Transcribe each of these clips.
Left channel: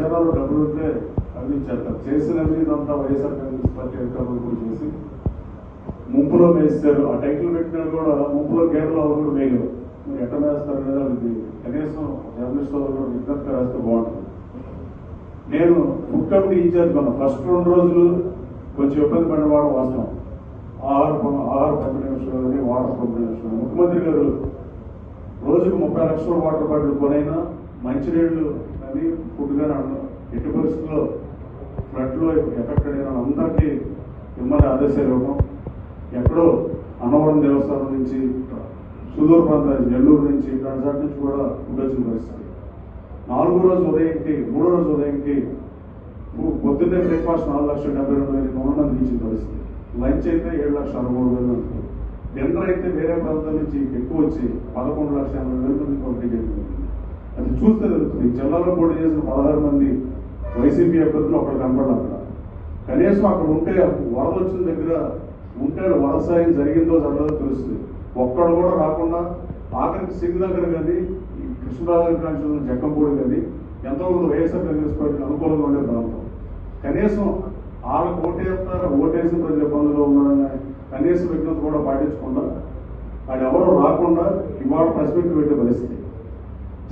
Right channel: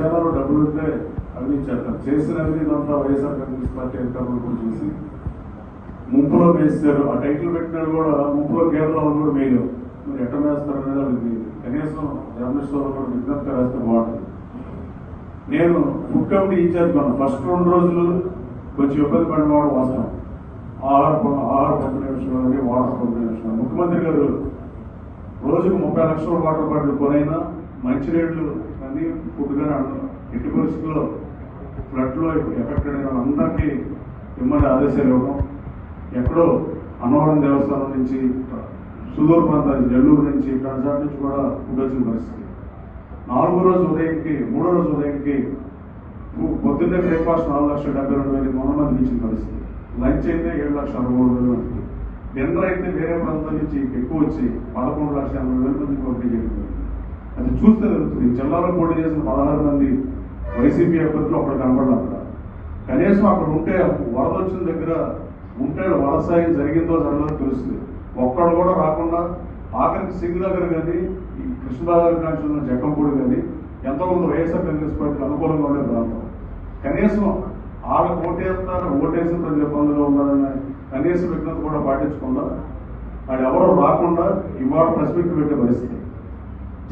ఖజానాలో డబ్బులు ఉంటే అవినీతి చేస్తారు. చేసిన అవినీతంతా వైఎస్ఆర్ కాంగ్రెస్ పార్టీ అధికారులు చేసి ముంపులో వేస్తారు. ఆ టైటిల్ పెట్టినాడు కూడా ముంపులో కేంద్రంలో కూడా మేలు. మరి ఎట్లా వేస్తారు అనేది వాళ్ళకి కనీసం జర్నలిస్ట్ వాళ్ళు కూడా విజ్ఞప్తి వేస్తే బాగుంటుంది. నేను ఫుడ్ కమిటీ ఇన్ఛార్జ్ కొన్నాను. ఫస్ట్ 2 రోజులు కొంచెం ఇబ్బంది పడిన వాడు వాసన ఆహార పంపిణీ విషయంలో కానీ వాటర్ పంపిణీ విషయంలో ముఖ్యమంత్రి గారు రోజుకు 30 లక్షల వాటర్ బాటిల్ కొనైనా మంచినీళ్లు కానీ ఫుడ్ కానీ అంటారు. ఎట్టి పరిస్థితుల్లో ఫ్లడ్లో ఎఫెక్టెడ్ అయిన వాళ్ళందరికీ ఇమ్మని ఆదేశాలు ఇవ్వడం. ఎక్కడో అన్నవరం దేవస్థానం నుంచి సుదూర ప్రాంతాలు నెల్లూరు నుంచి కడజాడ నుంచి కూడా ఫుడ్ వచ్చిన పరిస్థితి. 4వ రోజు ఉదయంకి 3వ రోజు ఉదయంకి పొద్దున్నే బ్రేక్ఫాస్ట్ 4,72,000 మందికి ఇచ్చిన పరిస్థితి. లంచ్ అయితే 7,63,000. డిన్నర్ అయితే వేరే ప్రాంతాల నుంచి ఎక్కువ వచ్చి 11,80,000 మందికి పంపిణీ చేయడం. అది చూస్తే తెలుస్తుంది. జిల్లాలో పోటీ చేసిన 16 మంది వైసీపీ అభ్యర్థులు అక్కడ కనపడాలి. కనీసం అక్కడ ఉంటే వరద వచ్చిన దగ్గర ఉంటే వరద సాయం జరిగిందో జరగదో తెలుస్తుంది. ఒక్కడు కూడా రాకుండా ఆఖరికి సింగ్ దగ్గర కానీ ఈ కృష్ణరాజు కాన్స్టిట్యూషన్ జక్కంపూడి కానీ ఎంతోమంది వైఎస్ఆర్ కాంగ్రెస్ పార్టీకి అనుకూలంగా ఉండే ప్రాంతం. కనీసం వాళ్ళకు ఓటేస్తారు, ఓటేసిన ప్రతి ఇబ్బందులు ఉన్నారని కనీస విజ్ఞత కూడా పాటించకుండా అది ఎవరు రాకుండా ఇవాళ ప్రెస్ మీట్ పెట్టే పరిస్థితి.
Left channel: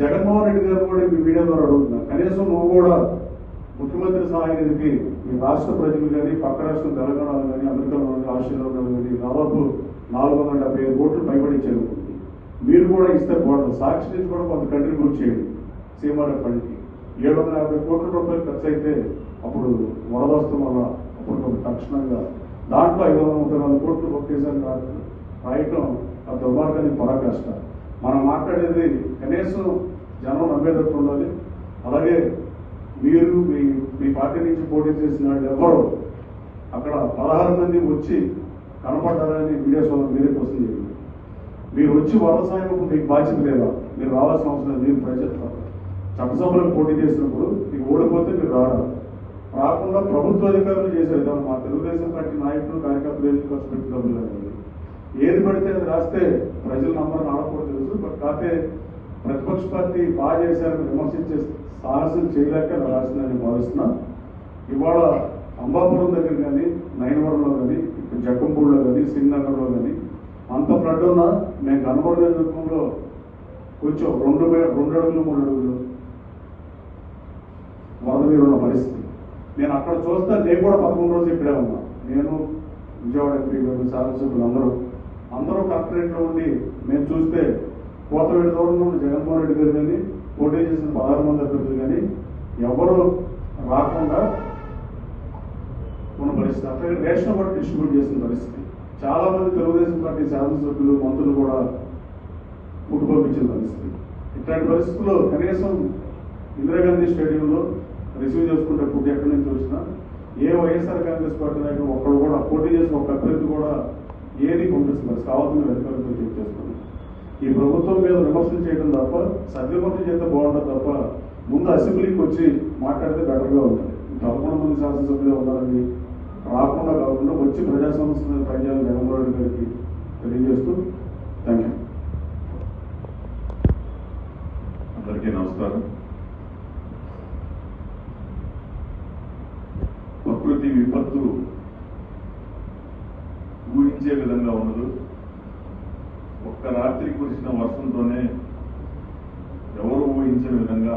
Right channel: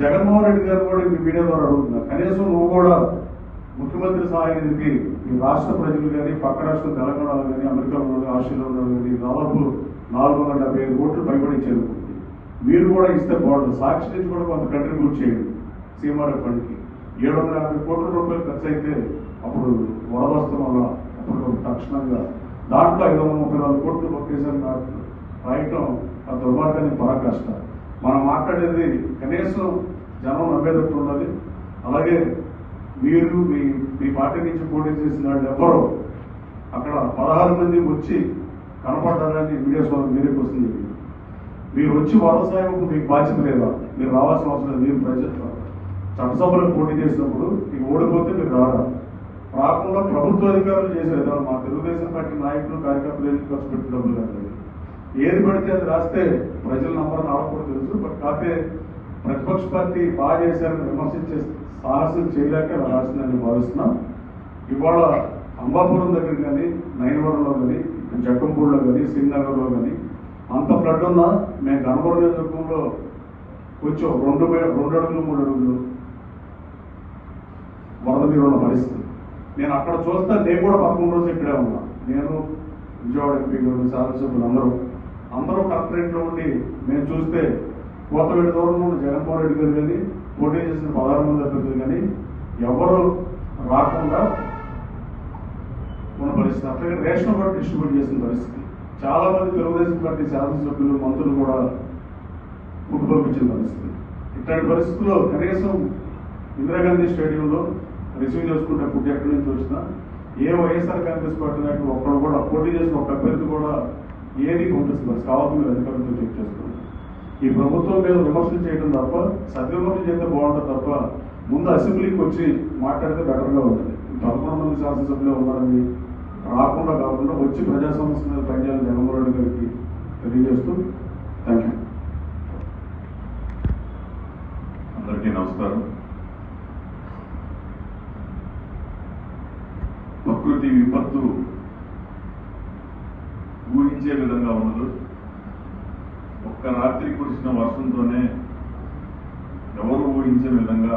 జగన్మోహన్ రెడ్డి గారు కూడా మీ మీడియా ద్వారా అడుగుతున్నారు. కనీసం నువ్వు కూడా ముఖ్యమంత్రి సహాయ నిధికి ఈ రాష్ట్ర ప్రజలు కానీ పక్క రాష్ట్రం తెలంగాణలో కానీ అమెరికాలో కానీ ఆస్ట్రేలియాలో కానీ దాదాపు 475 కోట్లు పైబడించేది. మీరు కూడా ఇస్తే బాగుంటుంది. సాక్షి నుంచి కూడా కొంత కంట్రిబ్యూట్ చేయండి. సీమారెఫ్ ఫండ్కి 750 కోట్ల రూపాయలు ఖర్చు అయితే అప్పుడు వరద వస్తాం వల్ల అప్పుడు తక్షణంగా దాంట్లో 534 కోట్లు ఒకేసారి రాయటం ఆ దుర్మార్గానికి పరాకాష్ట. మనం మాట్లాడేది కనీసం జనం నమ్మేటట్టు ఉండాలి. అలాగే మీరు మీ పార్టీ నుంచి పోటీ చేసిన వాళ్ళు ఎవరో అక్కడ 16 మంది వచ్చి కనపడాలని వీడియోస్ మీరే కోసం చెప్పి మీరు వచ్చి వరద సాయం మీకు బాధ్యత లేదా? మీరు రావాల్సిన అవసరం లేదు. మీరు ప్రజలు చట్టసభలకు పోటీ చేసినప్పుడు మీకు ఓడిపోతే మీరు రాకుండా ప్రభుత్వ అధికారులు చేశారు. మా తెలుగుదేశం పార్టీ నాయకులు కార్యకర్తలు ఏది ఖర్చు పెట్టిన డబ్బులు కాదు. ఏది పడితే అది రాస్తే ప్రజల నంబర్ని ఆడకూడదు తెలుసు. బట్ కాకపోతే ప్రతిపక్ష పార్టీ బాగా చేశారని విమర్శించే సాహసం చేయలేక అలా రాసిందని భావిస్తున్నాం. ఇవాళ అంబాపురం దగ్గర కానీ నైనవరంలో కానీ జక్కంపూడిలో కానీ శ్రీనగర్లో కానీ అంత ఫ్లడ్ ఉన్నా మేము కనపడ నియోజకవర్గంలో కొంచెం 2 అడుగులు 3 అడుగులు వరద నీరు ఉన్న పరిస్థితి. నేను అక్కడ చూస్తే నేను కూడా 11 రోజులు ఇక్కడే ఉన్నా. నేను విజయవాడ ఎంపీ గారు శాసనసభ్యులు అందరూ కలెక్టరేట్లో ఉండి మేము చూస్తే కోతవేడి దూరంలో జగన్మోహన్ రెడ్డి గారు కానీ పోటీ చేసిన 16 మంది అభ్యర్థులు కానీ ఎవరు రాకుండా ఉన్న పరిస్థితి. అట్లాగే రేషన్ కూడా డిస్ట్రిబ్యూట్ చేసిన పరిస్థితి. చాలా మంది తెలుగుదేశం పార్టీ శాసనసభ్యులు మంత్రులు కూడా ఫుడ్ పంపించిన పరిస్థితి. ఇట్లాంటి పరిస్థితుల్లో కనీసం ఇందిరాగాంధీ స్టేడియంలో రిసీవ్ చేసుకుంటే ఫుడ్ ఎక్కడి నుంచి వచ్చినా ఏ వైఎస్ఆర్ కాంగ్రెస్ పార్టీ నాయకులు ఒక్కడు కూడా పోటీ చేసిన ఒక అభ్యర్థి కూడా ఏది పంపిస్తున్నారు. కావాలి మీరు అధికారులతో చెక్ చేస్తున్నారు. ఈ ప్రభుత్వం మీద విమర్శలు చేయడం తప్ప సద్విమర్శలు చేస్తే బాగుంటుంది తప్ప ముందు అసెంబ్లీకి వచ్చి మాట్లాడితే బెటర్గా ఉంటుంది. 11 మంది శాసనసభ్యులు ఉన్నారని రాకుండా కాకుండా వచ్చి ప్రజా సమస్య మీద పనిచేయాలని జగన్మోహన్ రెడ్డి గారికి తెలియజేస్తూ థ్యాంక్ యూ. అందరికీ నమస్కారం. ప్రకృతి విపత్తు ఊహించే విధంగా ఉండదు. ఒక్క రాత్రి కురిసిన వర్షంతోనే ఎవరు ఊహించే విధంగా